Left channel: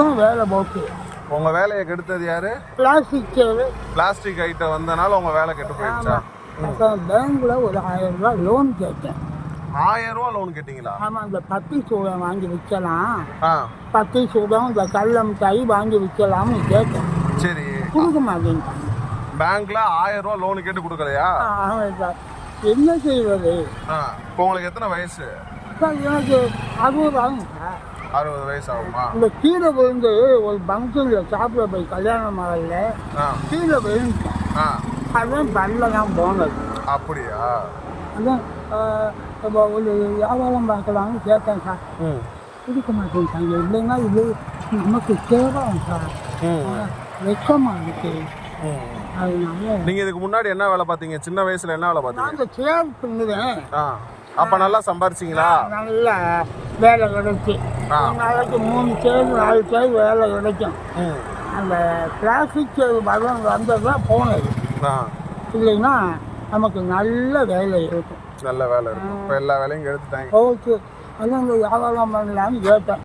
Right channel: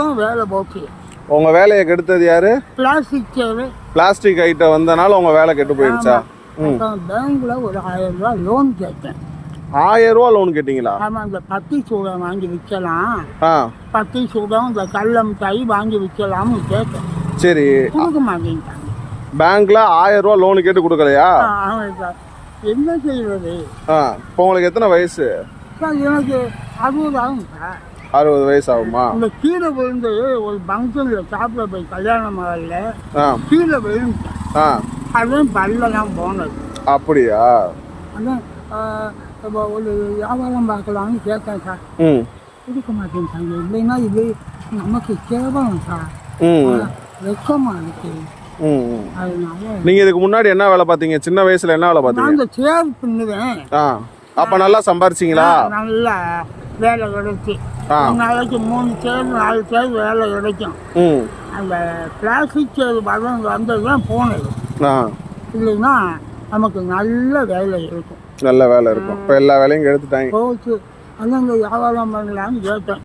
இதுதான் வேலை போச்சு. உங்கள் வேலையை கெடுத்தது யாரு? பிளாஸ்டிக் சேரு. பிளாஸ்டிக் ஐட்டம் வந்தனால உங்கள் வேலை கெட்டு போயிடுச்சா? அப்புறம் பேங்க்ல ஒரு 1000 ரூபா லோன் கேட்டேன். 1000 ரூபா லோன் கேட்டிங்களா? ஆமாம், இந்த பத்தி சூடம் வாங்கி விற்கலாம், ஆ பத்தி சூடம் இந்த கடல மிட்டாய் வாங்கி விற்கலாம்னு கேட்டேன். சரி. கொடுக்க மாட்டேன்ட்டாங்க. பேங்க்ல 1000 ரூபா லோன் கேட்டு கொடுக்கலையா? ஆமாம் சார், என்ன செய்வது? இப்போ உங்களுக்கு எத்தனை வயசு? சார் எனக்கு 60 ஆகும் சார். 60 வயசு ஆகுமா? இந்த கீழே விழுந்து ஒரு ஃபங்க்ஷனில் சாப்பிட போய் கல்யாண மாடலில் கீழே விழுந்துட்டேன். அதுவும் பல்லெல்லாம் போனது. அப்படியா? அதான் இப்போ ஒரு வியாபாரம் பார்க்கலாம்னு கேட்டேன் சார். கொடுக்க மாட்டேன் சார். இல்லைன்னா இது எனக்கு கேவலம் சார், வெச்சமாக இருக்கு. அதனால நீங்க இதுக்கு முன்னாடி என்ன வேலை பார்த்தீங்க? சின்ன வயசுல என்ன வேலை பார்த்தீங்க? நான் இந்த சேர் பின்னுவேன். அப்ப நல்லா சம்பாரிச்சிங்களா? நல்ல வேலை கிடைச்சி நாளைக்கு 3 சேர் 4 சேர் வேலை கிடைக்கும். அந்த பிளாஸ்டிக் சேர் பதம் வந்தது தான் போனது. இல்லைன்னா நமக்கு நல்ல வேலை இருக்கும். நல்ல வேலை இருக்கும். இப்போ எல்லா வேலையும் எடுத்துட்டாங்க. ஓகே, அதான் இந்த வியாபாரம் பண்ணலான்னு கேட்டேன்.